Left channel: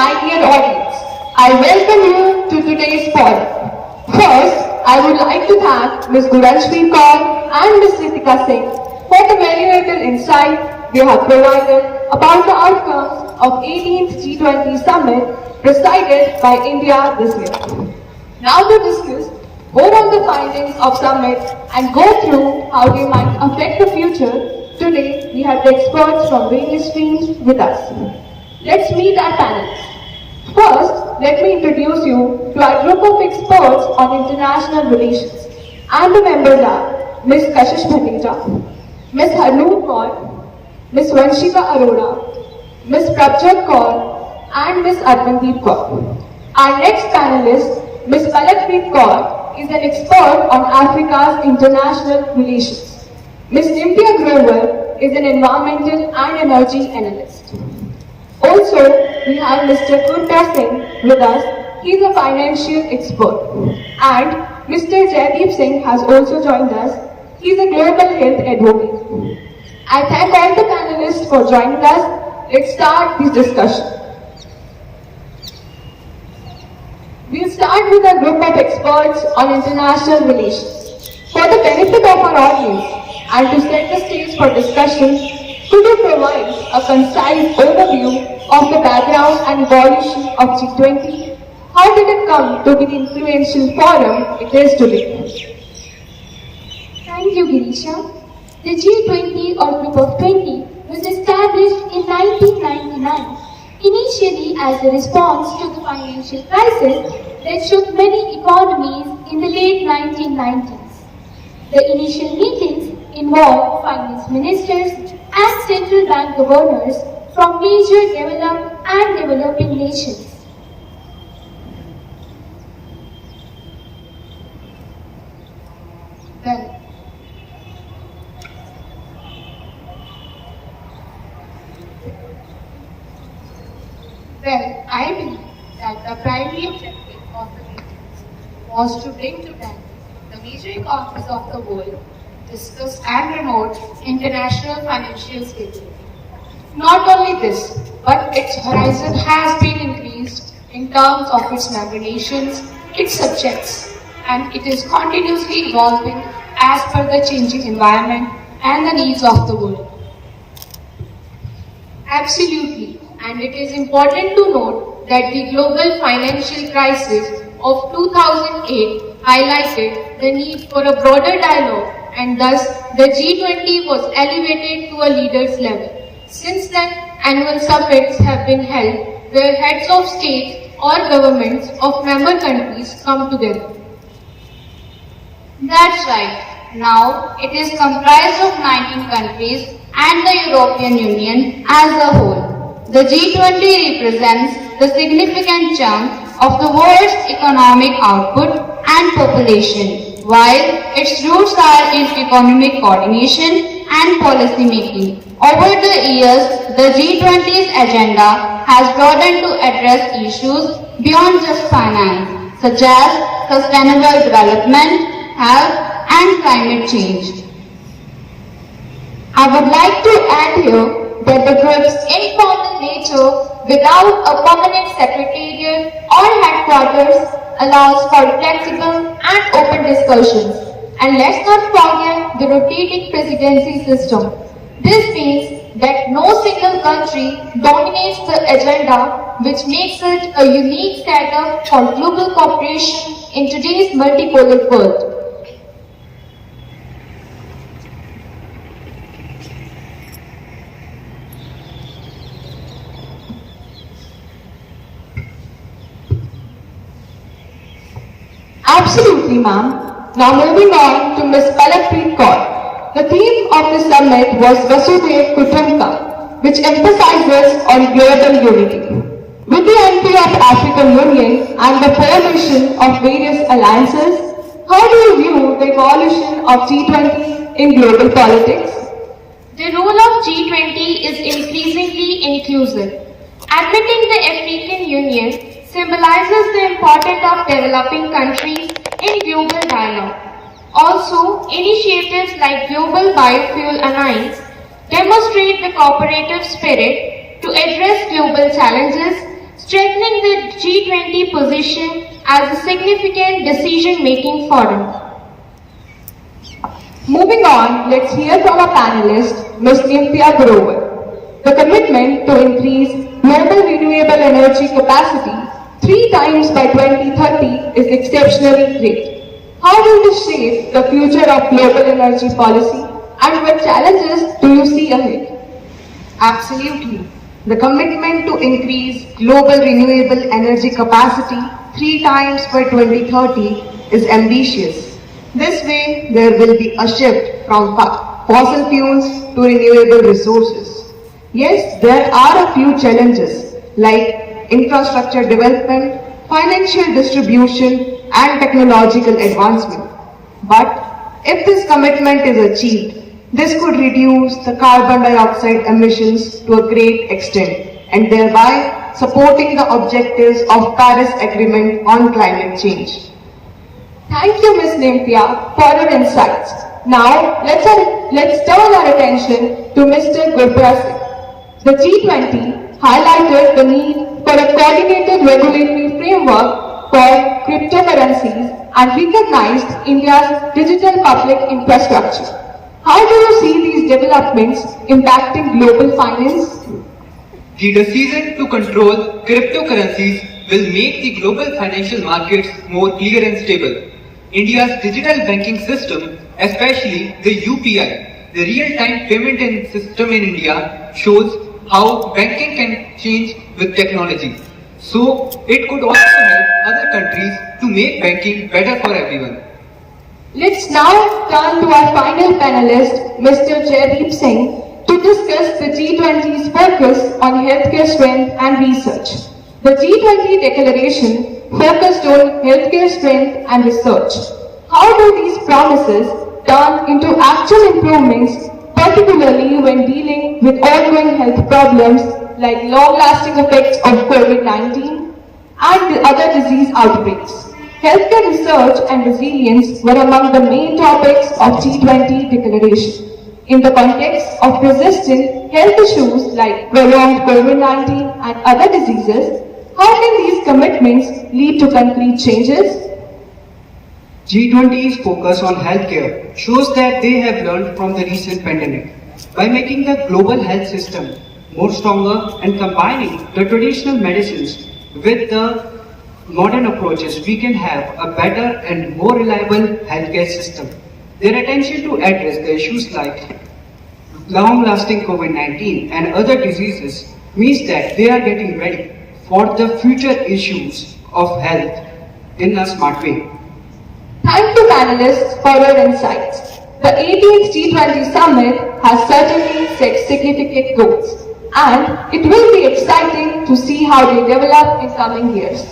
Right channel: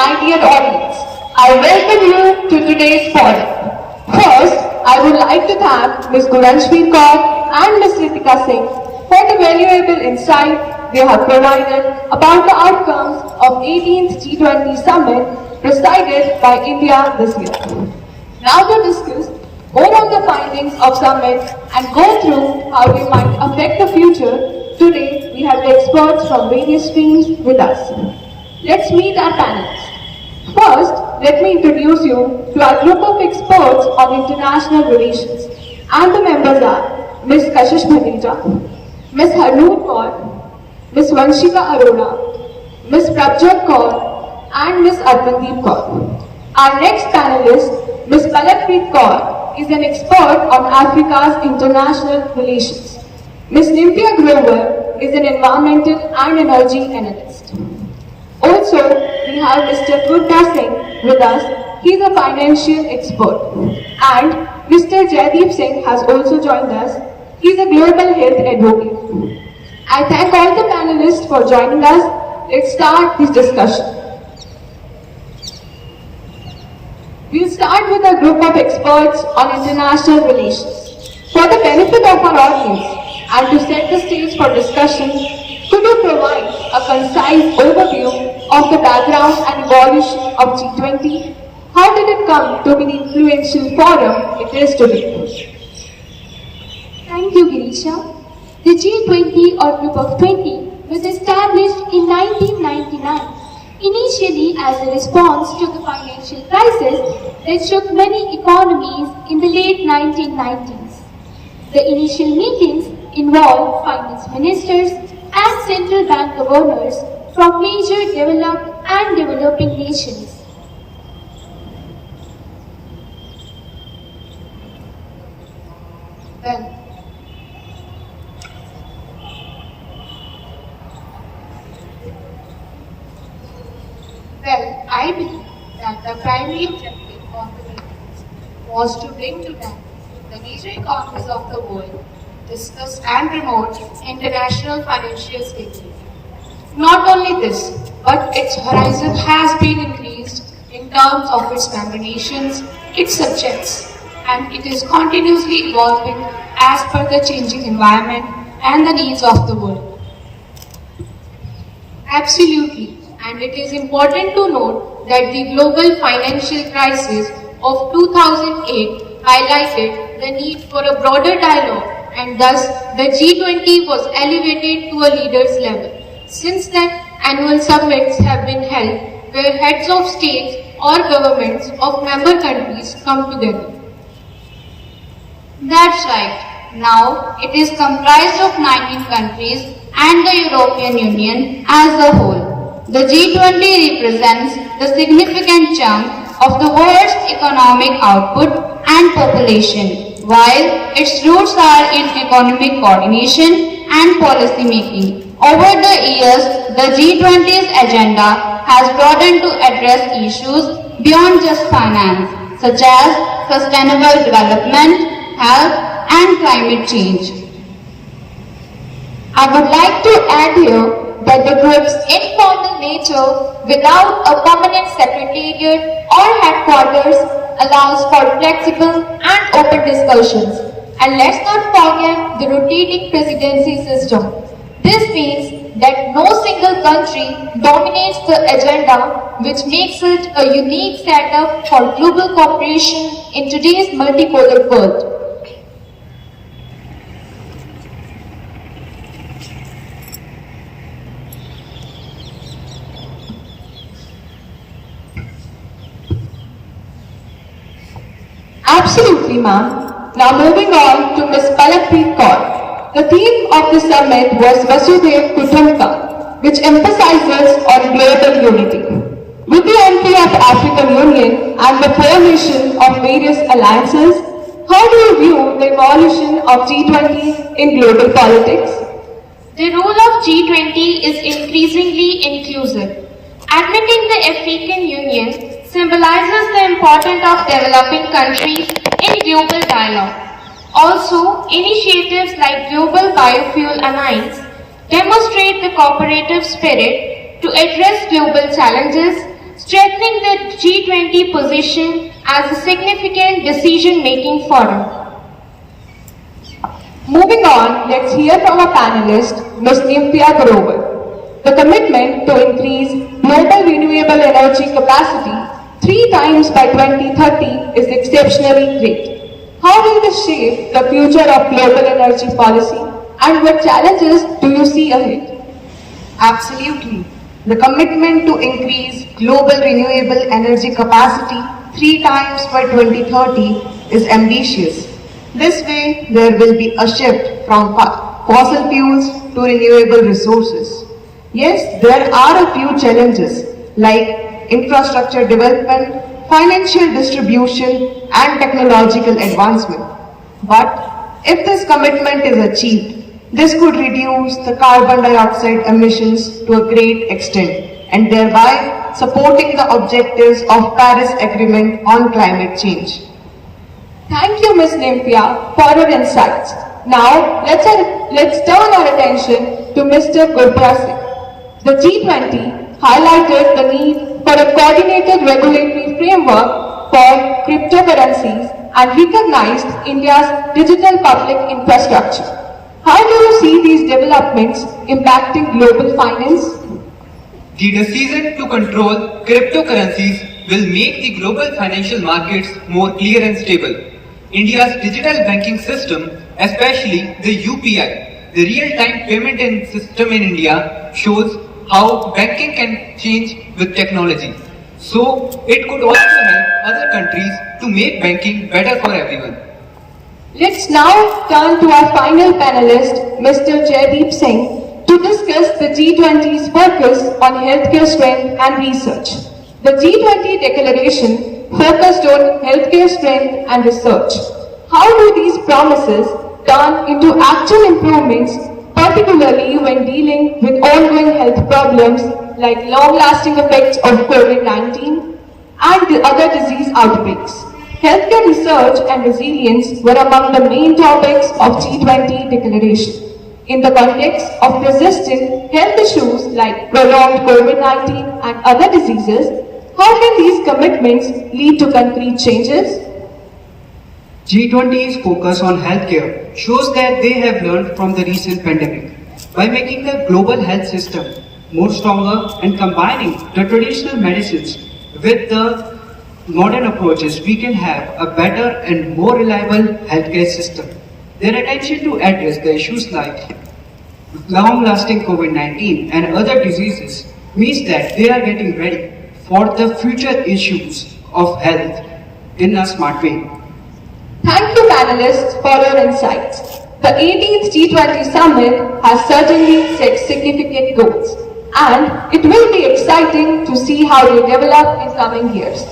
my dear audience, I welcome you to today's podium. First, I would like to thank Ms. Guranshveer Kaur and Ms. Ritika Singh for the valuable insight they have provided about the outcomes of 18th G20 Summit presided by India this year. Now to discuss more on the findings of Summit and go through how they might affect the future, today we have the experts from various streams with us. Let's meet our panelists. First, let me introduce you to our group of experts on international relations. And the members are Ms. Kashish Bhatija, Ms. Harnoor Kaur, Ms. Vanshika Arora, Ms. Prabjot Kaur, and Ms. Arpandeep Kaur. Our next panelist, Ms. Palakpreet Kaur, is an expert on Africa's international relations. Ms. Nintya Grover is an environmental and energy analyst. Also, we have Mr. Gurpreet Singh with us. He is a financial expert. And Mr. Jaideep Singh has also joined us. He is a global health advocate. I thank all the panelists for joining us. Let's start this discussion. We'll start with a group of experts on international relations. For the benefit of our audience and to set the stage for discussion, could you provide a concise overview of the background and evolution of G20? How did it come to be the influential forum it is today? Thank you, Girisha. The G20 or Group of 20 was established in 1999, initially as a response to the financial crisis that shook many economies in the late 1990s. The initial meetings involved finance ministers and central bank governors from major developed and developing nations. Well, I believe that the primary objective of the meetings was to bring together the major economies of the world, discuss and promote international financial stability. Not only this, but its horizon has been increased in terms of its member nations, its subjects, and it is continuously evolving as per the changing environment and the needs of the world. Absolutely. And it is important to note that the global financial crisis of 2008 highlighted the need for a broader dialogue, and thus the G20 was elevated to a leaders level. Since then, annual summits have been held where heads of states or governments of member countries come together. That's right. Now it is comprised of 19 countries and the European Union as a whole. The G20 represents the significant chunk of the world's economic output and population, while its roots are in economic coordination and policy making. Over the years, the G20's agenda has broadened to address issues beyond just finance, such as sustainable development, health, and climate change. I would like to add here that the group's informal nature without a permanent secretariat or headquarters allows for flexible and open discussions. And let's not forget the rotating presidency system. This means that no single country dominates the agenda, which makes it a unique setup for global cooperation in today's multipolar world. Absolutely, ma'am. Now moving on to Ms. Palakpreet Kaur. The theme of the summit was Vasudhaiv Kutumbakam, which emphasizes on global unity. With the entry of the African Union and the formation of various alliances, how do you view the evolution of G20 in global politics? The role of G20 is increasingly inclusive. Admitting the African Union symbolizes the importance of developing countries in global dialogue. Also, initiatives like Global Biofuel Alliance demonstrate the cooperative spirit to address global challenges, strengthening the G20 position as a significant decision-making forum. Moving on, let's hear from our panelist, Ms. Nitya Grover. The commitment to increase global renewable energy capacity 3 times by 2030 is exceptionally great. How will this shape the future of global energy policy and what challenges do you see ahead? Absolutely. The commitment to increase global renewable energy capacity 3 times by 2030 is ambitious. This way, there will be a shift from fossil fuels to renewable resources. Yes, there are a few challenges like infrastructure development, financial distribution, and technological advancement. But if this commitment is achieved, this could reduce the carbon dioxide emissions to a great extent and thereby supporting the objectives of Paris Agreement on climate change. Thank you, Ms. Nitya, for your insights. Now, let's turn our attention to Mr. Gurpratap. The G20 highlighted the need for a coordinated regulatory framework for cryptocurrencies and recognized India's digital public infrastructure. How do you see these developments impacting global finance? The decision to control cryptocurrencies will make the global financial markets more clear and stable. India's digital banking system, especially the UPI, the real-time payment system in India, shows how banking can change with technology. So, it could also help other countries to make banking better for everyone. Let's now turn to our final panelist, Mr. Jaideep Singh, to discuss the G20's focus on healthcare strength and research. The G20 declaration focused on healthcare strength and research. How do these promises turn into actual improvements, particularly when dealing with ongoing health problems like long-lasting effects of COVID-19 and other disease outbreaks? Healthcare research and resilience were among the main topics of G20 declaration. In the context of persistent health issues like prolonged COVID-19 and other diseases, how can these commitments lead to concrete changes? G20's focus on healthcare shows that they have learned from the recent pandemic. By making the global health system more stronger and combining the traditional medicines with the modern approaches, we can have a better and more reliable healthcare system. Their attention to address the issues like long-lasting COVID-19 and other diseases means that they are getting ready for the future issues of health in a smart way. Thank you, panelists, for your insights. The 18th G20 Summit has certainly set significant goals, and it will be exciting to see how they develop in coming years.